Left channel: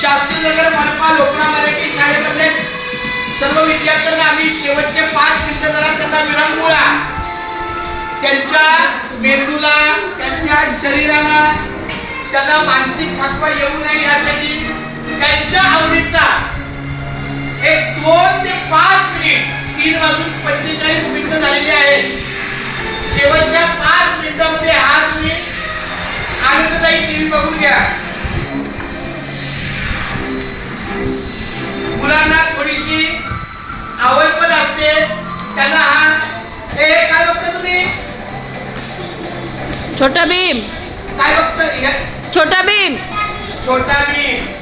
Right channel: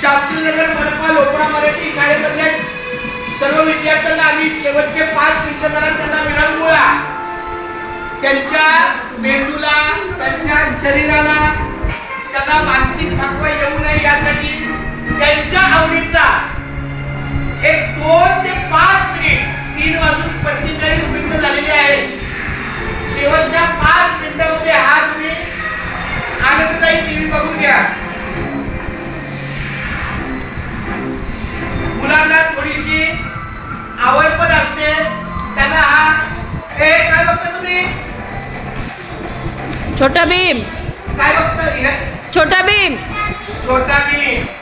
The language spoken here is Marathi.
शास्त्रीनगर मनपा लोकरा मराठी शाळेमध्ये सर्व विद्यार्थ्यांना आम्ही शेवटचे 5 मिनिटं जरा त्यांना विरंगुळा त्यांच्या मेंदूला त्यांच्या शरीराला त्यांना मानसिक थकवा येऊ नये यासाठी त्यांच्या आवडीचा एक 2 ते 5 मिनिट 3 वाजून 45 मिनिटं झालेली आहेत. शेवटच्या 5 मिनिटांमध्ये हा तुम्ही आनंददायी टीव्ही बघून घ्या. मुलांना थोडीशी आवड पण असते त्यांना. हा हे काय बघता तुम्ही? छोटा भीम. काय बघता? छोटा भीम. छोटा भीम.